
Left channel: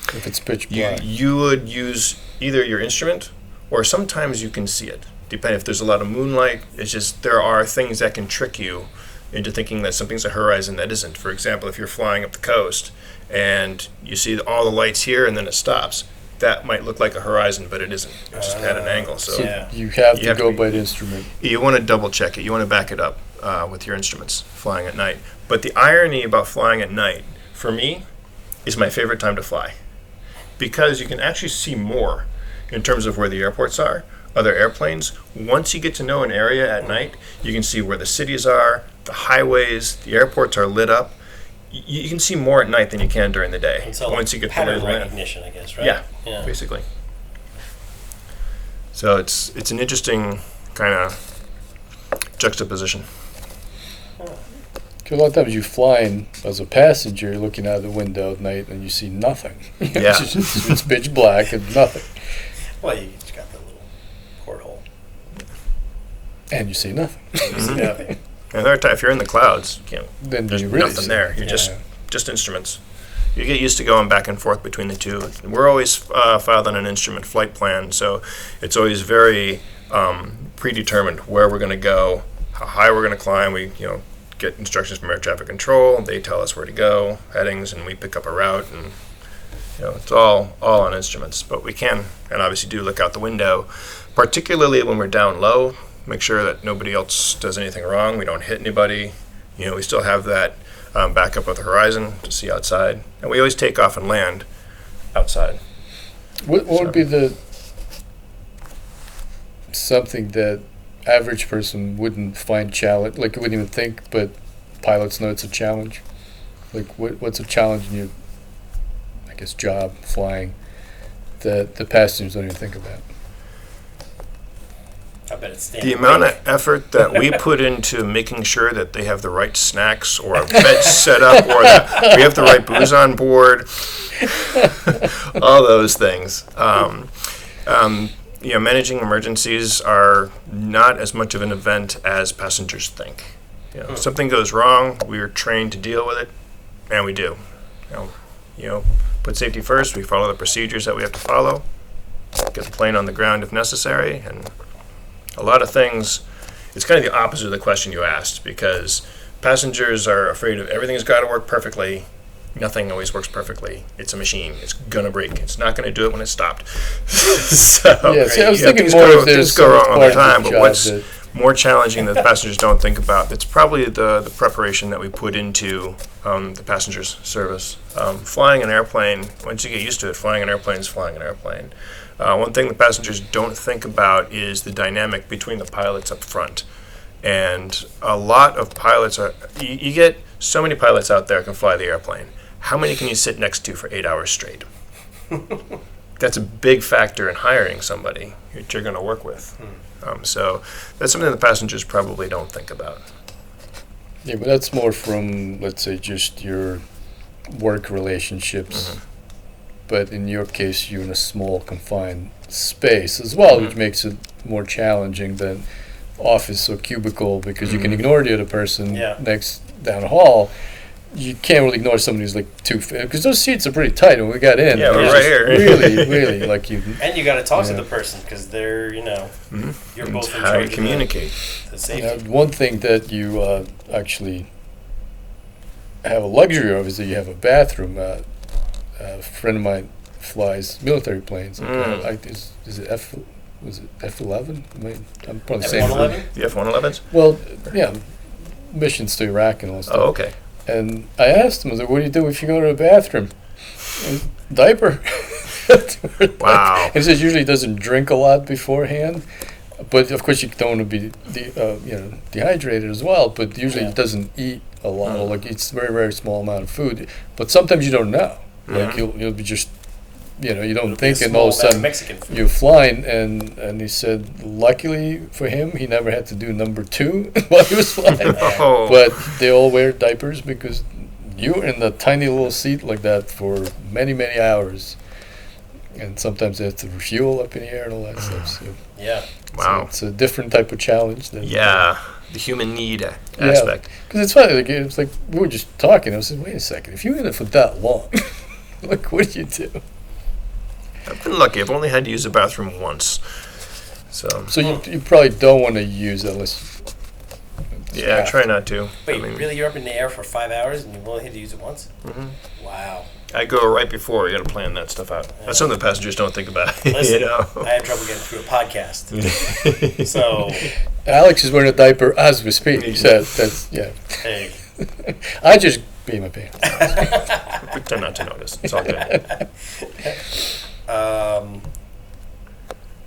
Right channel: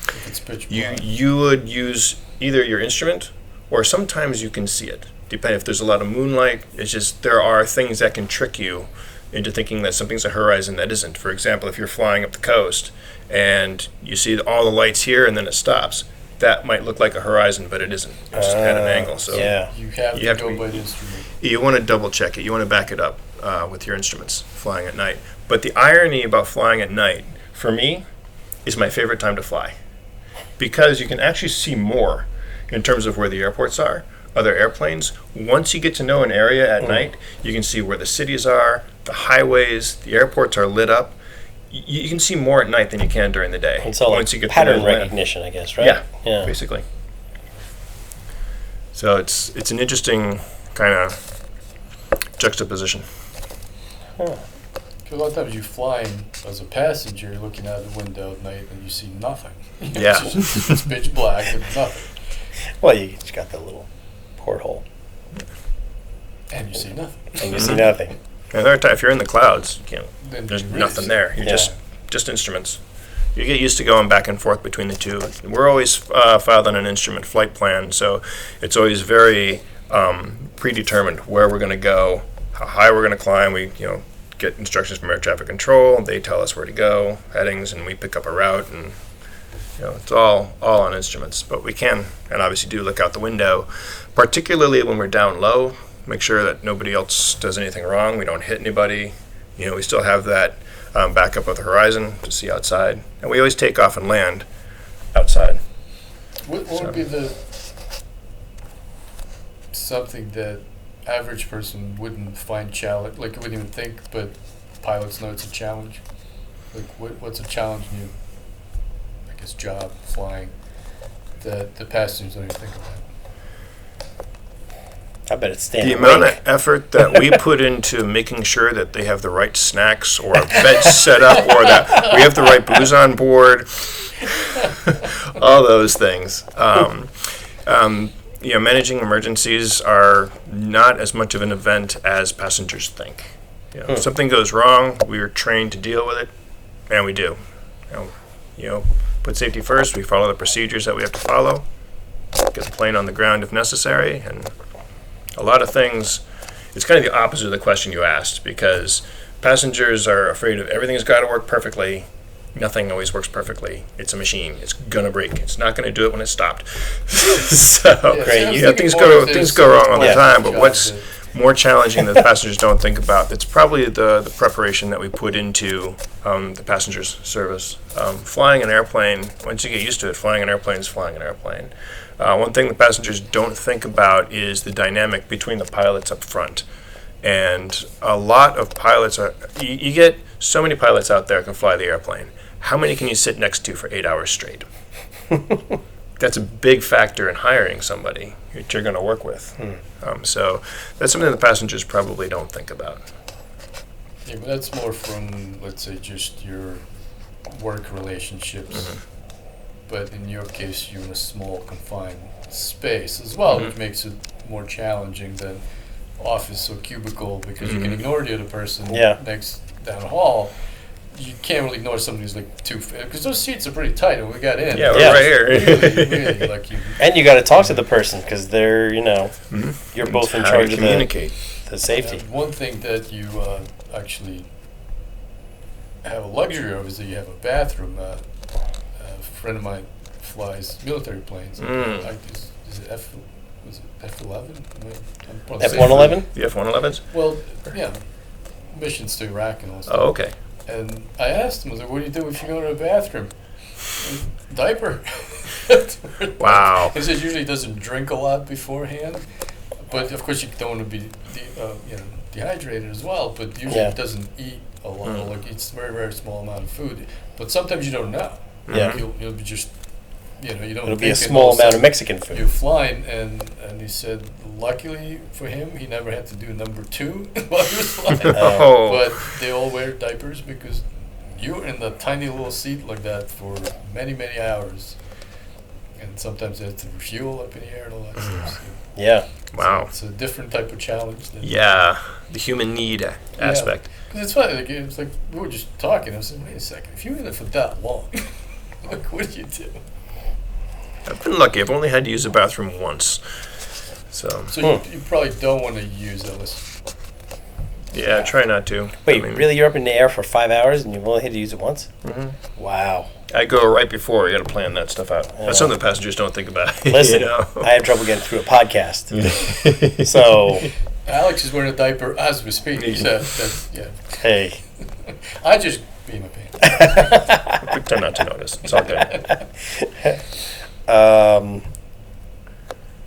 if it's pitch black? You would use either your instrument or sometimes you can see it. Depending if there's a lot of moonlight, it's just there are things that can trick you into thinking that something's a horizon that isn't. For example, if you're flying up the coast and you see all the lights here and then it stops, that might look like a horizon, but it isn't. It's just at an angle. So yeah. You have You to have to go be- by the instrument. you want to double check it. You want to back it up with your instruments flying at night. But the irony about flying at night, for me, is my favorite time to fly because you can actually see more in terms of where the airports are, other airplanes. Once you get to know an area at night, you can see where the cities are, the highways, the airports are lit up. You can see more at night than you can during the day. It's all once like you get pattern to know the land. recognition, I guess, right? Yeah, Yeah. basically. So it's an interesting kind of juxtaposition. Because a lot of times you're flying as a passenger, you're looking out the window at night and you see nothing. Yeah. it's pitch black and nothing. Well, you just got that little porthole. And you see nothing. And you see nothing. And there are if you're in the clouds, you can't, Then there's you really nothing see there. it. You're Yeah. just instruments. You get used to going back and forth between the two. We're always filed on an instrument flight plan, so it's always very predetermined where we're going to go, how high we're going to climb. We get instructions from air traffic control. They tell us where to go, headings, and we pick up a route. And it's all on instruments. But we can and obviously do look out the window, particularly when we're down low. Make sure that nobody else does anything wrong. We don't hit anybody. We still have that backup of the horizon to see outside. And we always take off and land outside. What would be the something that average person wouldn't find challenge, like wouldn't even think, but pilots know it's a challenge? Like what's a challenge in your, I guess, job flying that the passengers don't even think about? I bet it's standing. The amount of effort that we put into making sure that they have the right snacks or a bed set up or that we have the right booze on board, all those things. Managing emergencies are not as much of an event as passengers think. If something goes wrong, we are trained to deal with it, and we do. Put safety first. We follow the procedures that we have to follow. Get the plane on the ground if necessary, and a lot of things, it's kind of the opposite of the question you asked because passengers are afraid of everything's got to work perfectly nothing always works perfectly. It's a machine. It's gonna break. It's not gonna do it when it's stopped. So things go wrong all the time. But what's more challenging that the passengers don't think about, it's probably the preparation that we put into the passengers service. Flying an airplane, once you get used to it, flying an airplane is flying an airplane. One thing the passengers don't think about is the dynamic between the pilots up front. And a lot of pilots you get so many pilots out there can fly the airplane. How many can you sit next to for 8 hours straight? That's a big factor in hiring somebody that you're going to work with. So that's something the passengers probably don't think about. Yeah, but that's more from, let's say, just your work relationships. But in your case, you're in a small, confined space as well, which makes it more challenging than office or cubicle, because you can ignore the other person next down the hall. You can't really ignore somebody who's like because those seats are pretty tight when we got in. Yeah, we're right here. Really, like you. And you got to talk to the person because they're, you're both in charge of the safety. One thing that you actually have a luxury of is that you have a bathroom. A friend of mine flies military planes. Is it F-11? I'm probably F-111? The F-111s? Well, yeah, missions to Iraq and all that stuff. Oh, okay. And I asked him, I was like, what do you do if you go to the bathroom? Diaper. Wow. He says usually doesn't drink a lot beforehand, but of course you don't want to be dehydrated as well, but usually it doesn't eat a lot, like eats a very, very small amount of food. But sometimes you don't know. Yeah. Like you'll be just, you don't It'll think be a small amount of Mexican food. You're flying, and he said, luckily for him, he never had to do number 2 while he was flying. But they all wear diapers because you're in the tiny little seat like that for many, many hours. And sometimes they have to refuel up in the air and all that stuff. So, wow. So it's a different type of challenge. The human need aspect. Because it's funny, it's like we were just talking. I was like, wait a second, if you're in it for that long, like, what do you do? I've been lucky. I've only had to use the bathroom once. So you probably don't want to use it unless... Yeah, try not to. Wait, really? You're up in the air for 5 hours and you've only had to use it once? Wow. I go right before. You got to plan that stuff out. That's something the passengers don't think about. Listen, I have trouble getting through a podcast. So... Alex is wearing a diaper as we speak. He said that's, Hey. I just pee my pants. Pretend not to notice. It's all good.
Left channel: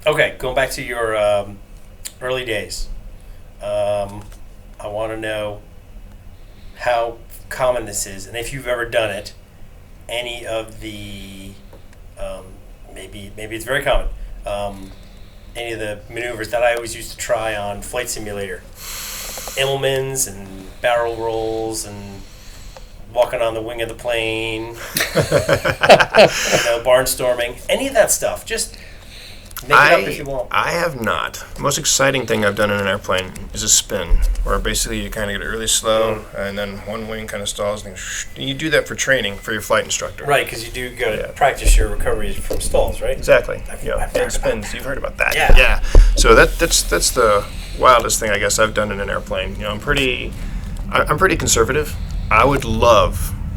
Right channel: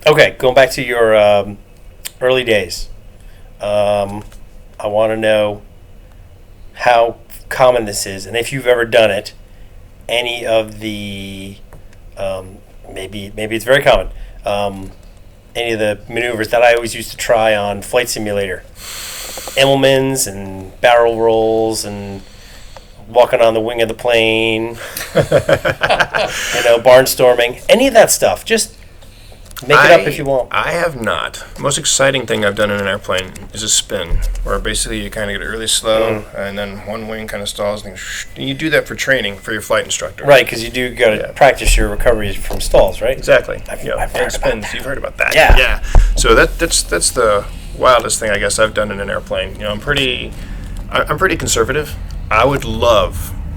Okay, going back to your early days. I want to know how common this is, and if you've ever done it. Any of the maybe it's very common. Any of the maneuvers that I always used to try on Flight Simulator, Immelmans and barrel rolls and walking on the wing of the plane, barnstorming, any of that stuff. Just make it up if you want. I have not. The most exciting thing I've done in an airplane is a spin, where basically you kind of get it really slow, and then one wing kind of stalls, and you do that for training for your flight instructor. Right, because you do got to practice your recovery from stalls, right? Exactly. I've heard spins. about You've heard about that. Yeah. So that's the wildest thing I guess I've done in an airplane. I'm pretty conservative. I would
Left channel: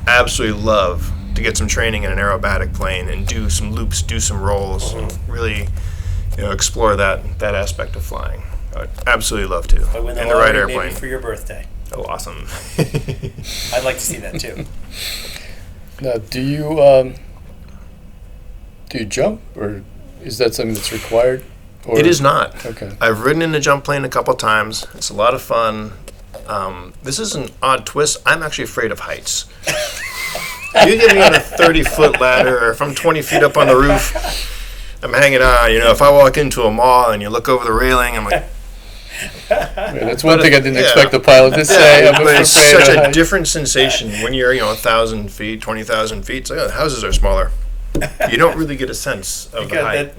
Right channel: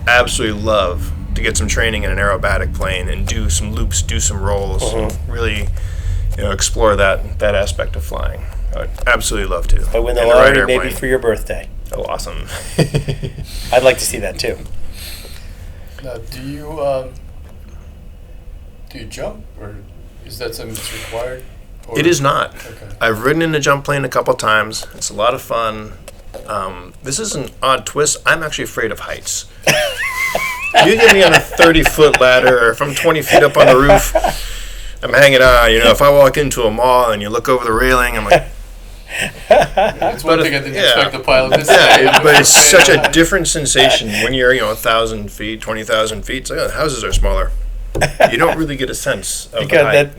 absolutely love to get some training in an aerobatic plane and do some loops, do some rolls, and really, explore that aspect of flying. I would absolutely love to. But win the lottery, maybe for your birthday. Oh, awesome! I'd like to see that too. Now, do you jump, or is that something that's required? Or? It is not. Okay. I've ridden in a jump plane a couple times. It's a lot of fun. This is an odd twist. I'm actually afraid of heights. You get me on a 30-foot ladder, or if I'm 20 feet up on the roof, I'm hanging on. If I walk into a mall and you look over the railing, I'm like... that's one thing I didn't expect the pilot to say. But it's such a different sensation when you're, 1,000 feet, 20,000 feet. It's like, the houses are smaller. You don't really get a sense of the height,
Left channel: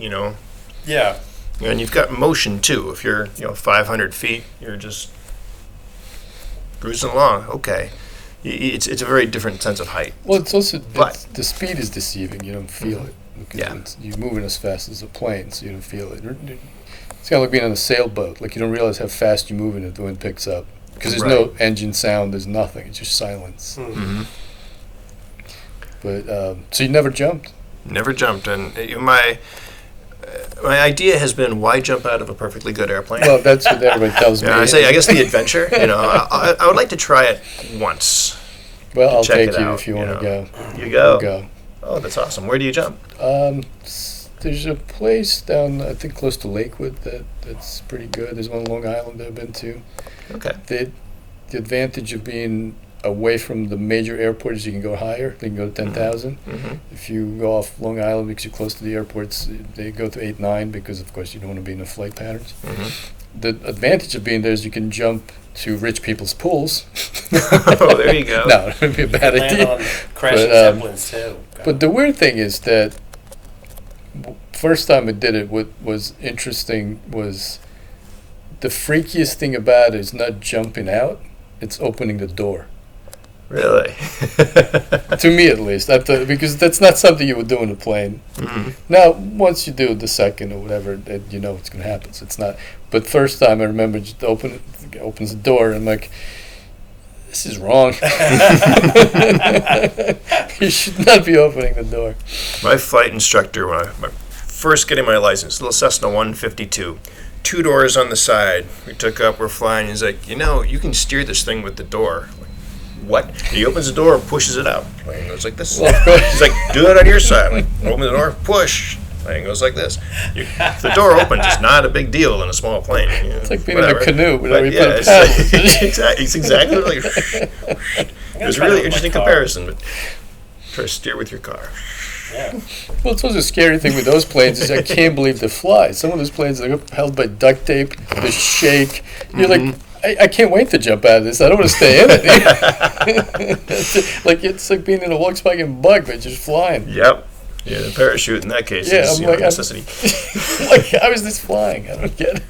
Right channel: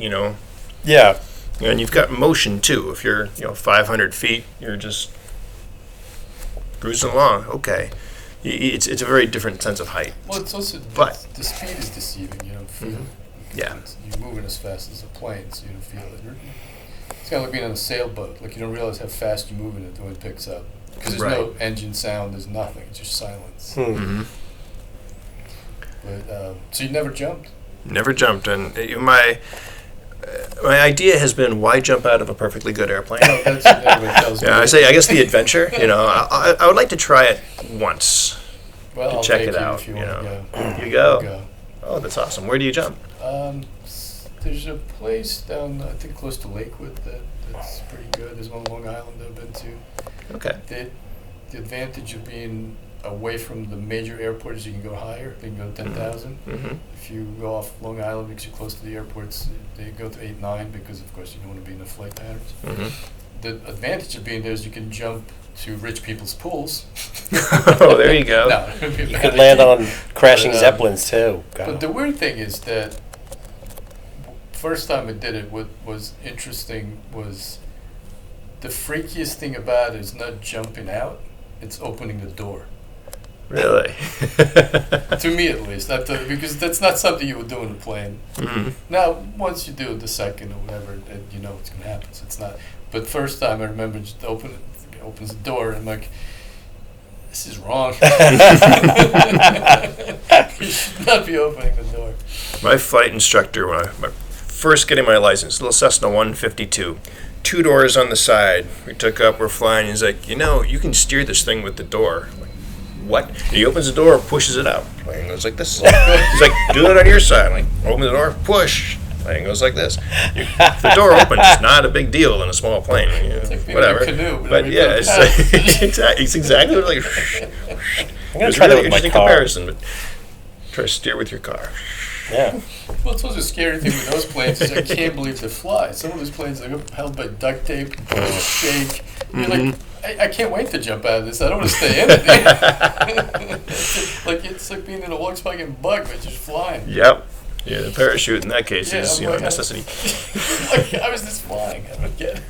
Yeah. And you've got motion, too. If you're, 500 feet, you're just cruising along. Okay. It's a very different sense of height. Well, it's also the speed is deceiving. You don't feel it. Yeah. You're moving as fast as a plane, so you don't feel it. It's kind of like being on a sailboat. Like, you don't realize how fast you're moving if the wind picks up. Because there's no engine sound, there's nothing. It's just silence. But so you never jumped? Never jumped, and my idea has been, why jump out of a perfectly good airplane? Well, that's what everybody tells me. Yeah, I guess the adventure. I would like to try it once. Well, I'll check take it you out, if you want to go. You go. We'll go. Oh, that's awesome. Where do you jump? There's a place down, I think, close to Lakewood that's pretty good. There's one on Long Island that I've been to. Okay. The advantage of being away from the major airport is you can go higher. They can go to 10,000. Mm-hmm. If you go off Long Island because you're close to the airports, they go to 8, 9 because, of course, you don't want to be in the flight patterns. Mm-hmm. The advantage of being there is you can jump to rich people's pools. Oh, there you go. No, it would be a You bad could land idea. on crashing But, zeppelins too. But the weird thing is that first time I did it, what was interesting was the freakiest thing about it is not jumping out, it's opening the door. Really? To me, at least. Because that's not something you would do in a plane. Mm-hmm. Now, once you do it the second or whatever, you know what's going to happen. So it's not. But first time, I remember just opens the door, and I'm like, this is wrong. You should not be opening the door. My flight instructor, when I first getting my license, little Cessna 152, 2 doors on the side. We took up, we're flying. He's like, you can steer this thing with the door. I'm like, what? He opens the door, pushes it out. Plane goes like this. He's like, do it on your side. I'm like, open the door, push. Plane goes like this. If the door opens, it's not a big deal in a small plane. It's like being in a canoe. But yeah, it's exactly like. It was a really interesting comparison. But try to steer with your car. Yeah. Well, it's also a scary thing with those planes is I can't believe they fly. Some of those planes are held by duct tape, they shake. You're like, I can't wait to jump out of this. I don't want to stay in it. It's like being in a Volkswagen Bug, but just flying. Yep. Yeah, the parachute in that case is I'm like, a necessity. Like, how is this flying? I don't get it.